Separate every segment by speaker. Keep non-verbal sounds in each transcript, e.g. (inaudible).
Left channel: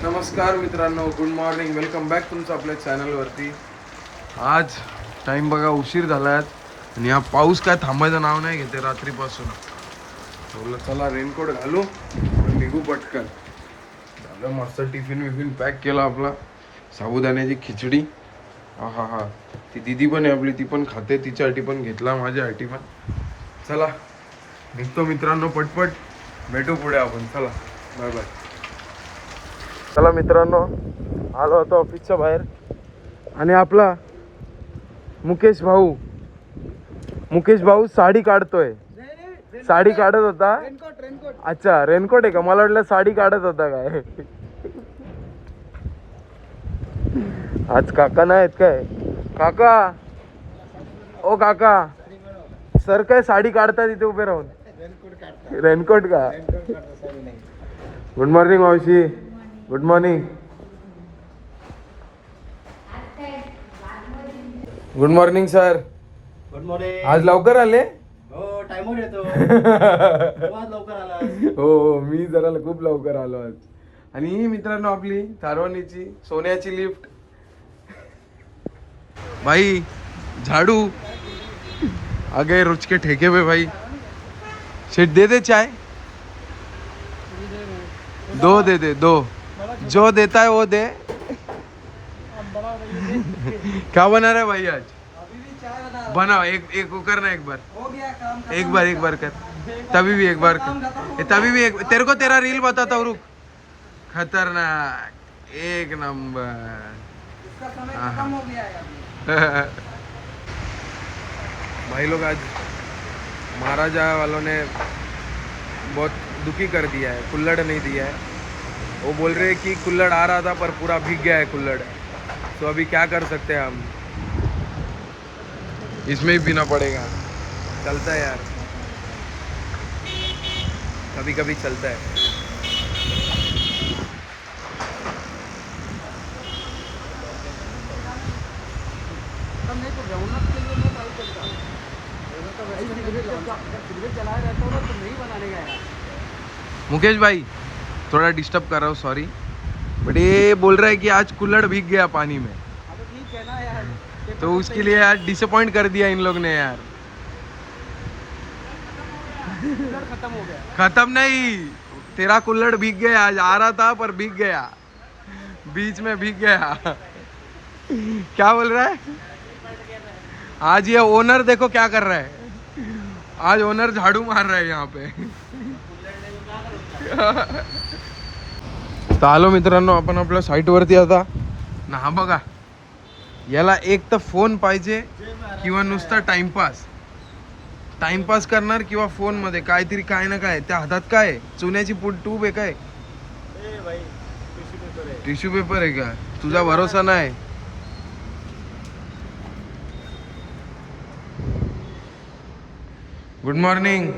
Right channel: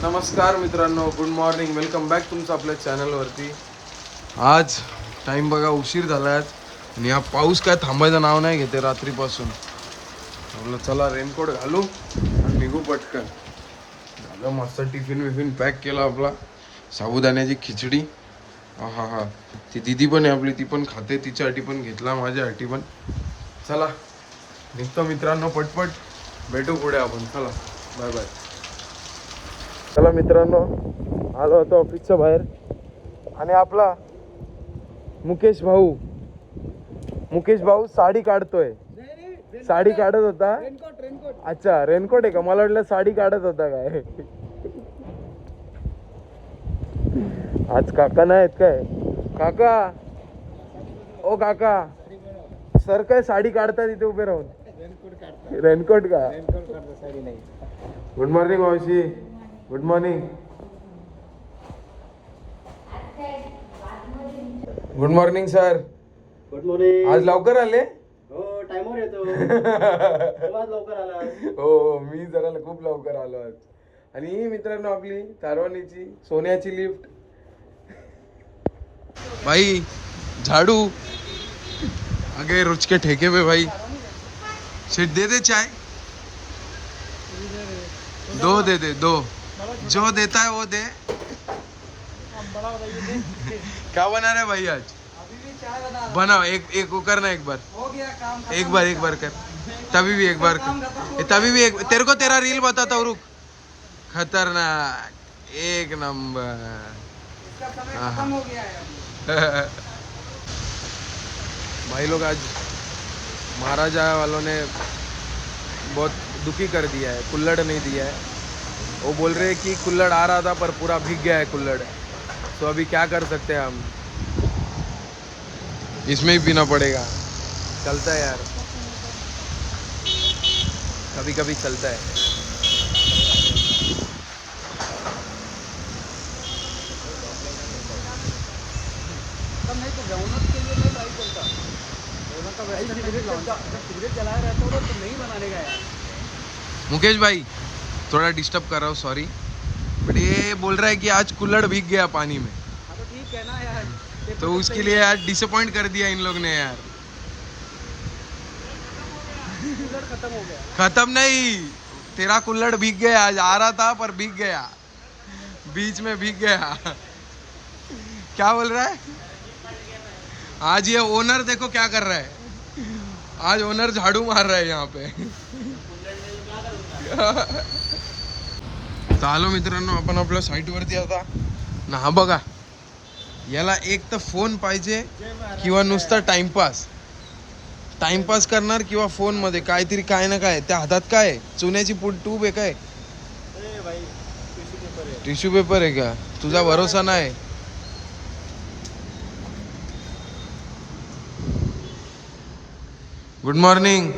Speaker 1: नमस्कार मित्रांनो good morning welcome back तुमचं आपल्या चॅनलवरती आज टाईम बघा उशीर झाला आज. आणि हा पाऊस काय थांबायचं नाव नाही घेते रात्रीपासून. बोललो चला रेनकोट घालू आणि निघू पटकन. झालं मस्त टिफिन विफिन पॅक केला आपला. साबुदाण्याची खिचडी. हा हा. हा ती दिदी पण आहे आपली ती पण खाते. तिच्यासाठी पण घेतला माझ्यासाठी पण. चला निघतो मित्रांनो पटपट. भेटू पुढे आपण. चला बाय बाय चला मित्रांनो आलो होतो ऑफिसच्या बाहेर. आणि आपला मुकेश भाऊ मुकेश भाऊ साडी काढतोय. साडी काढत होता? अच्छा रेनकोट आहे का? मला वाटलं साडी काढत होता काय? आज काका नाही आहेत काय? काका! ओ काका! सर काय साडी काढता तिथे उभे राहून? रेनकोट का? गुड मॉर्निंग मावशी. Good morning good morning sir
Speaker 2: good morning
Speaker 1: आज लवकर आले?
Speaker 2: हो टाइमवर येतो. (laughs) तू आज लवकर आला
Speaker 1: हो हो मी जरा खूप लवकर आलो आज. आणि ही मित्रांनो आपली तारवानीची सोन्याची लिफ्ट भाई झाडू. आगे रुच के ठेके पे भाई. शेट दे दे चाय. दो दे दे दो. जो देता है वो दे। क्या बना रहे भाई आज? बनाओ एक एक वो करना एक बार।
Speaker 2: हो गया काम
Speaker 1: एक बार एक बार कर। तभी भी एक बार कर। तभी भी एक तेरे को तेरा रील बताता हूँ रुक। खतरनाक। एक नंबर। (laughs) भाई लोग आज महाराजा वालों ने बहुत दुखी कर दिया है कुल्लड़ नहीं दिया है। वो बोल रहे हैं कि कुल्लड़ आ रहा था पर पूरा भीग गया है कुल्लड़। तो अभी क्या कर सकते हैं हम? इसमें ही पीना पड़ेगा। चलता है यार। कभी कभी चलता है।
Speaker 2: नहीं तो के लिए मैं ट्राई करता। सिगरेट जब जब सिगरेट जलाया रहता हो तो नहीं बनाने का यार।
Speaker 1: मुकेश भाई थोड़ा डिस्टर्ब कर रहा हूँ सॉरी बट ये बोल रहा है कि आज कुल्लड़ भीग गया पानी में।
Speaker 2: हाँ तो ठीक है ना यार।
Speaker 1: तो उसके लिए यार डिसअपॉइंट कर दिया इन लोग ने यार।
Speaker 2: सिगरेट खत्म हो गया।
Speaker 1: खत्म नहीं तेरा कुल्लड़ भीग गया आज आ रहा था पर भीग गया। बीच में भीग गया। क्या बोल रहा है? आज ये ओनर देखो क्या कर रहा है। आज ओनर झाड़ू मार रहा है यहाँ पे। तर आलो मित्रांनो आपण आपल्या साईटवरती आता. ना हा बघा. याला एक तर फोन पाहिजे किंवा नुसता टाइमपास टाइमपास करणार किंवा फोनमध्ये काहीतरी काय ना काय त्या हातात काय चुन्याची पुट ट्यूब आहे काय?
Speaker 2: टिश्यू पेपर
Speaker 1: आहे का? तुझा भरोसा नाही. गुड मॉर्निंग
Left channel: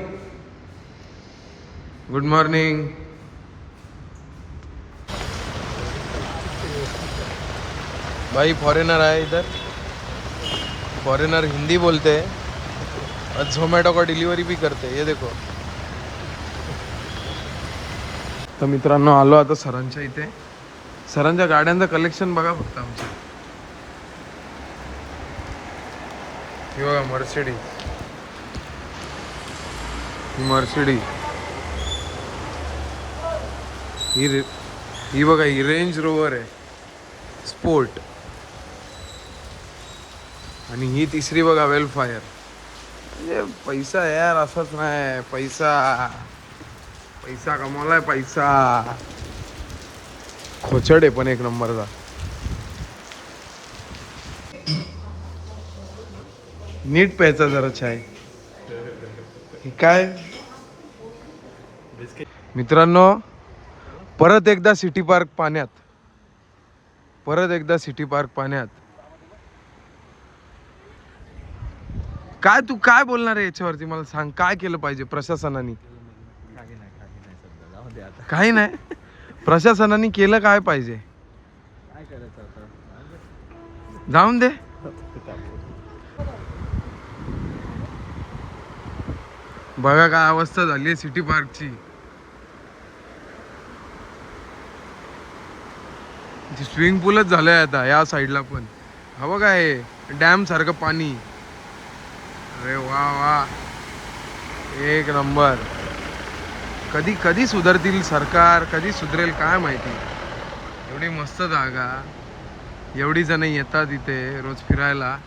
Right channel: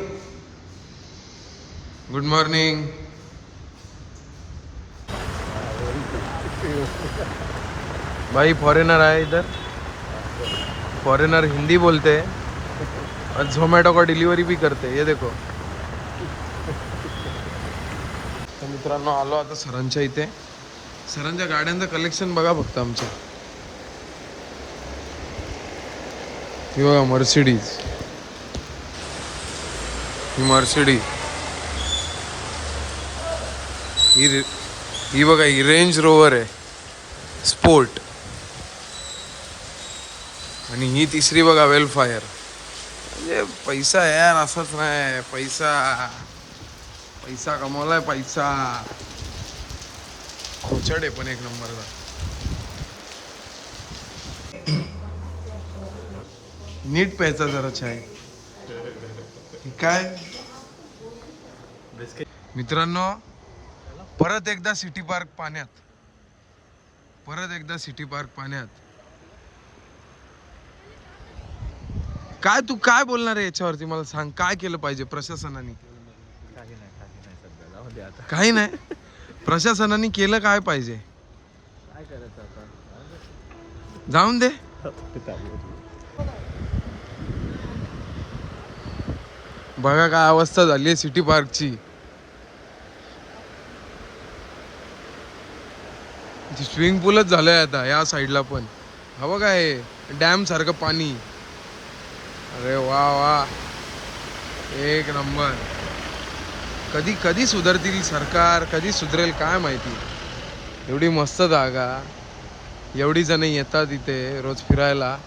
Speaker 1: गुड मॉर्निंग भाई फॉरेनर आहे इधर। फॉरेनर हिंदी बोलते और झोमॅटो का डिलिव्हरी भी करते ये देखो। तर मित्रांनो आलो आता सरांच्या इथे। सरांच्या गाड्यांचं कलेक्शन बघा फक्त आमचं। ही बघा मर्सिडीज ही मर्सिडीज ही ही बघा ही रेंज रोवर आहे स्पोर्ट आणि ही तिसरी बघा वेलफायर म्हणजे पैसा यार असंच नाही. पैसा पैसा कमवलाय पैसा. खोचड आहे पण एक नंबरचा. नीट प्यायचा जरा चाय. काय? मित्रांनो परत एकदा सिटी पार्क पाण्यात. परत एकदा सिटी पार्क पाण्यात. काय तू काय बोलणार आहे याच्यावरती? मला सांग काय केलं पाहिजे प्रशासनाने?
Speaker 2: काही नाही काही नाही सध्या जाऊ दे आता.
Speaker 1: काही नाही. प्रशासनाने केलं काय पाहिजे?
Speaker 2: काय करायचं आता?
Speaker 1: जाऊन दे. बघा काय अवस्था झाली आहे सिटी पार्कची. स्विमिंग पूलच झालंय आता या साईडला पण. हा बघा हे डॅम सारखं पाणी. अरे वा वा. एक नंबर. कधी कधी सुधारतील सरकार कधी सुधरेल काय माहिती? एवढी मस्त जागा. एवढी जण येतात इथे रोज फिरायला.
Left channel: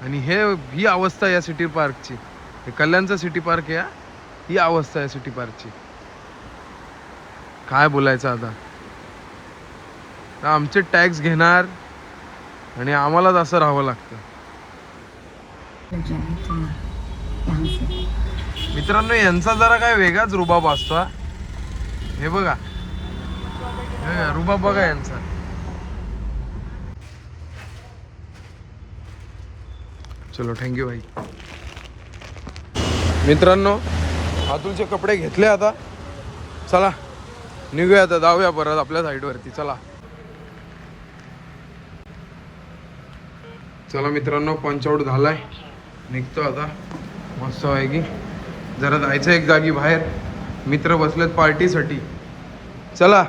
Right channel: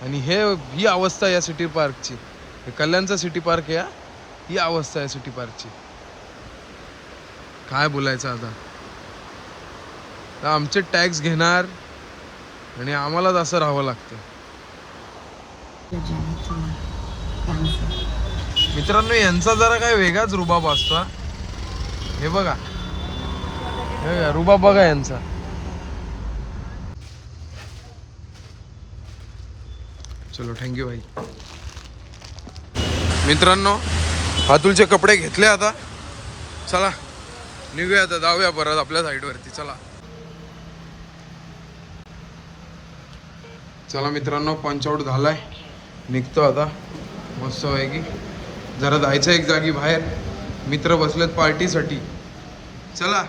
Speaker 1: आणि हे ही अवस्था या सिटी पार्कची. हे कल्याणचा सिटी पार्क आहे ही अवस्था आहे सिटी पार्कची. काय बोलायचं आता? तर आमचे टॅक्स घेणार आणि आम्हालाच असं राहावं लागतं. मित्रांनो यांचा जरा काय वेगळाच रुबाब असतो हा. हे बघा. हे रुबाब बघा यांचा. चलो थँक्यू भाई. मित्रांनो अतुलचे कपडे घेतले आता. चला निघूया आता जाऊया परत आपल्या साईडवरती. चला. चला मित्रांनो पंच आउट झालाय. निघतो आता. मस्त आहे की जरा जायचं एक जागी बाहेर. मित्र बसलेत पार्टीसाठी. चला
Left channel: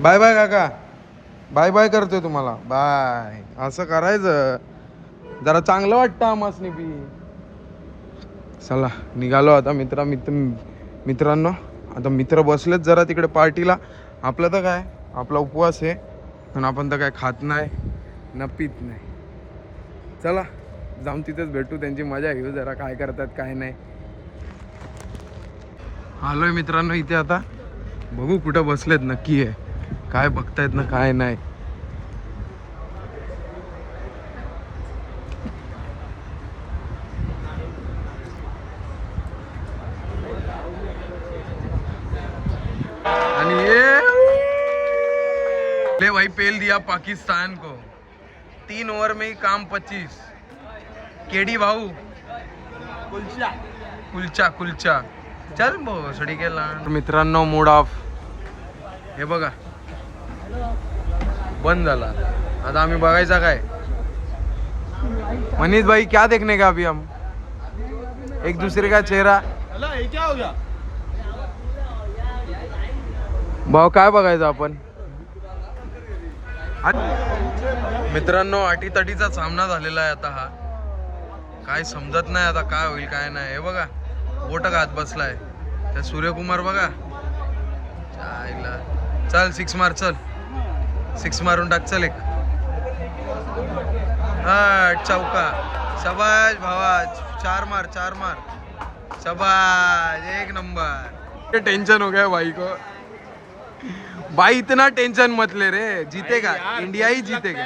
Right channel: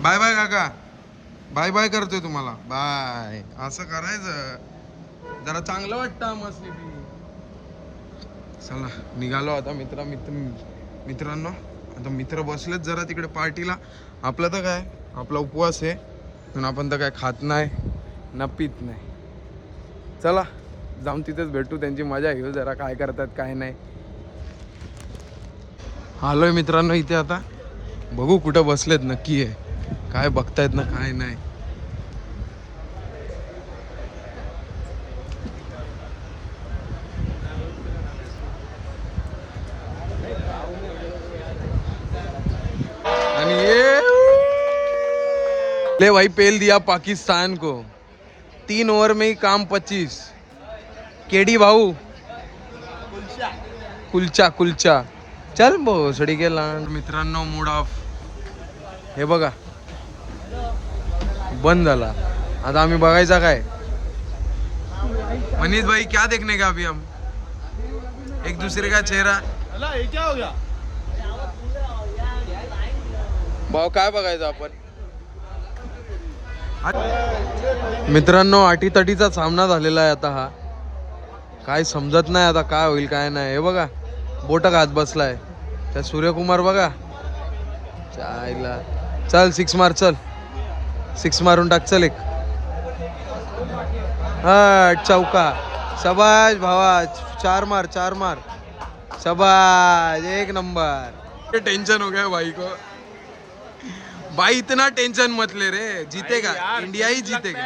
Speaker 1: बाय बाय काका. बाय बाय करतोय तुम्हाला. बाय असं करायचं. जरा चांगलं वाटतं आम्हाला बी चला निघालो आता मित्रा मित्र मित्रांनो. आता मित्र बसलेत जरा तिकडे पार्टीला. आपलं तर काय? आपला उपवास आहे. पण आपण तर काय खात नाही ना पित नाही. चला जाऊन तिथेच भेटू. त्यांची मजा घेऊ जरा. काय करतात काय नाही. आलोय मित्रांनो इथे आता. बघू कुठं बसलेत नक्की आहे. काय बघतायत ना काय नाही. आणि ये! ले भाई पेल दिया पाकिस्तान को. तीन ओवर में ही काम पच्चीस. केडी भाऊ? कुलचा. कुलचा चल भोसडी गेला मित्रांनो मूड ऑफ हे बघा. बंद झाला. आता आम्ही बघायचा काय? मनीष भाई क्या देखने का अभी हम? एक दूसरे का चेहरा? भाऊ काय बघायचं आपण? आट- मित्रांनो अटीतटीचा सामना झालेला आहे आता हा. काय समजत नाही आता काय होईल काय नाही. हे बघा. बोटक हात बसलाय? त्या सूर्यकुमार बघा. चायला चल सिक्स मार चल. सिक्स मारून टाक चल एक. हा चौका. शबाज भावा चार मार चार मार. शबाज एक नंबर. टेंशन हो गया भाई को. भाई इतना टेंशन मत ले रे. जीतेगा. इंडिया ही जीतेगा.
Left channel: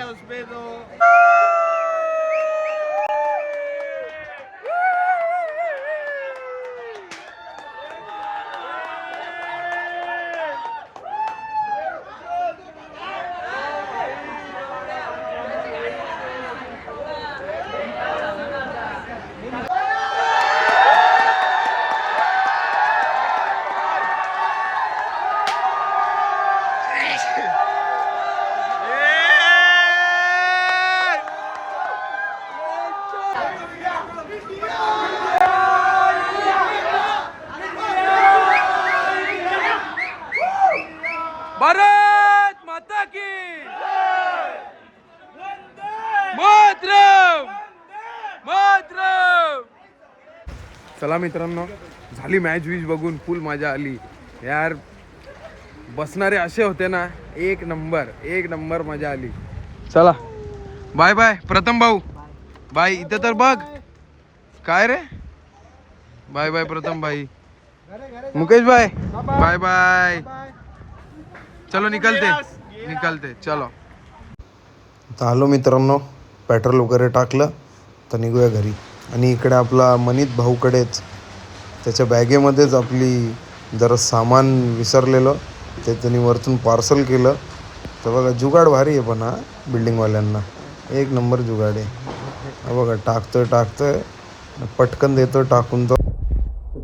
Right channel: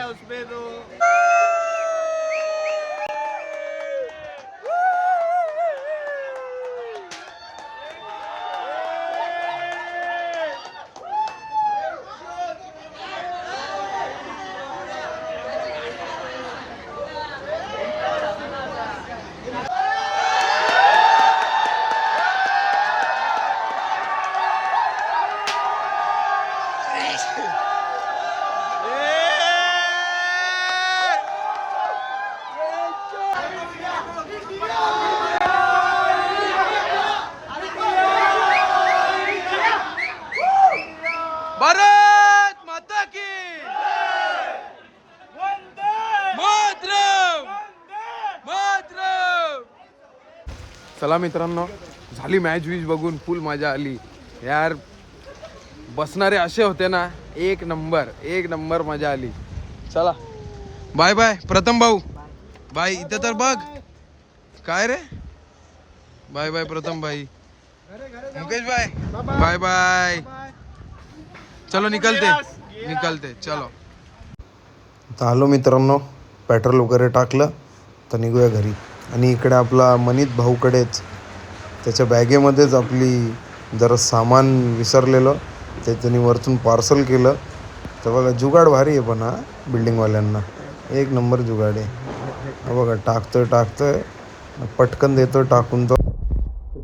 Speaker 1: भारत माता की मातरम। मातरम। चला मित्रांनो झाली मॅच वीज बघून फुल मजा आली. यार बसणारे असे होते ना एक नंबर एक नंबर मजा आली. चला. बाय बाय प्रथम भाऊ. बाय इथं तर बघ. काय रे? बाय बाय प्रथम भाई. मुकेश भाई. बाय बाय चलो निकलते. निकलते. चलो. आलो मित्रांनो. पेट्रोल वगैरे टाकलं तर निघूया घरी. आणि इकडे आपला मनीत भाऊकडेच त्याच्या बॅगेमध्येच आपली जरा सामान विसरलेलं ते त्यांनी वरतून पार्सल केलं. तर बघा जुगाड भारी आहे पण हा बिल्डिंगवाल्यांना एक नंबर जुगाड आहे. बघा टाकतोय टाकतोय. पटकन देतोय टाकून तो.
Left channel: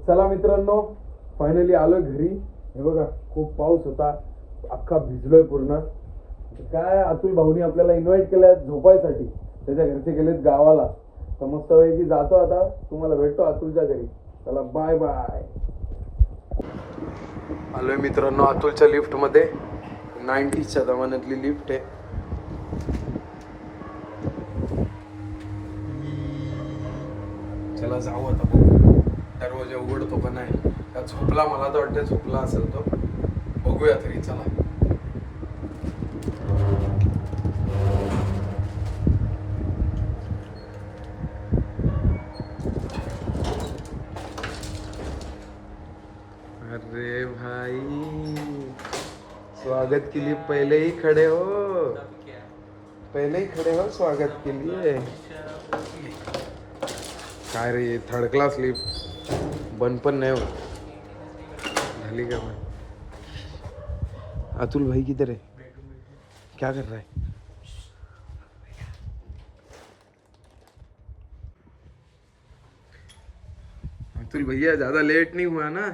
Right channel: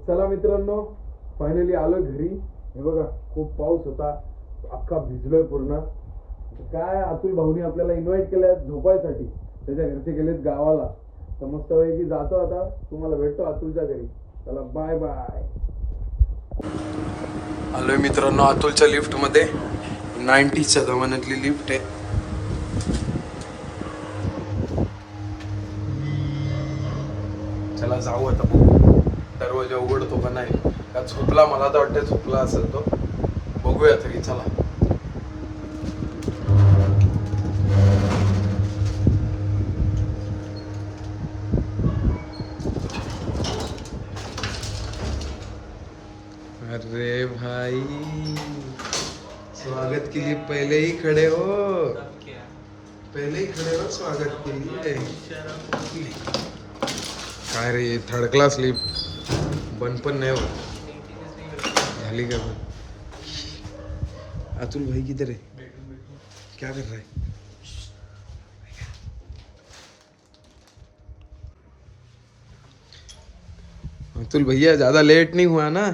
Speaker 1: चला मित्रांनो फायनली आलोय घरी. हे बघा खूप पाऊस होता. अख्खा भिजलोय पूर्ण. म्हणजे काय अतुल भाऊनी आपल्याला इन्व्हाइट केलाय झोपायसाठी. त्याच्या घरचे गेलेत गावाला. तर मस्त की जातो आता. तुम्हाला भेटतो अतुलच्या घरी. चला बाय बाय आलोय मित्रांनो अतुलच्या लिफ्टमध्ये. नाईन्टीजच्या जमान्यातली लिफ्ट आहे. चला जाऊ आता दरवाजा उघडतो का नाही? का झोपला? मला तर वाटतं झोपला असेल तो. बघूया तरी चला. अरे भाई स्वागत के लिए पहले ही खड़े हो. पहले ही खड़े हो स्वागत के लिए काय रे थर्ड क्लास लिप. बंद पण नाही होत. झाली का बंद? अतुल भाई किधर है? क्या कर रहा है? अतुल भैया ज़्यादा लेट नहीं हुआ ना?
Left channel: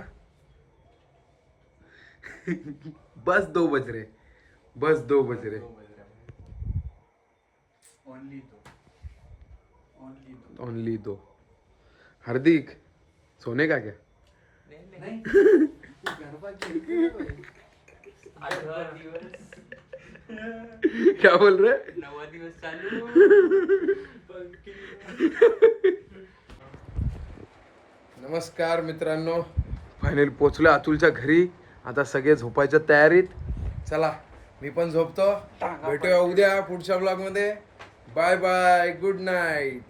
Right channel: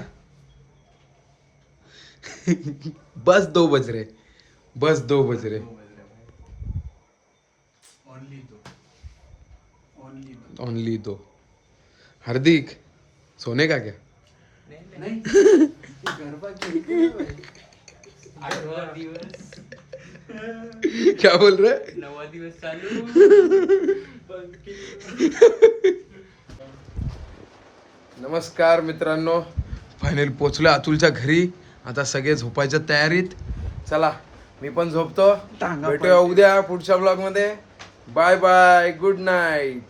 Speaker 1: बस दो बज रहे। बस दो बज रहे। ओनली दो। हार्दिक सोने का क्या? (laughs) (laughs) क्या बोल रहे?
Speaker 2: नवा दिवस चालू.
Speaker 1: नमस्कार मित्रांनो. फायनल पोचलो अतुलच्या घरी. आता सगळे झोपायच्या तयारीत. चला मी पण झोपतो. भेटूया उद्या पुढच्या ब्लॉगमध्ये. Bye bye good night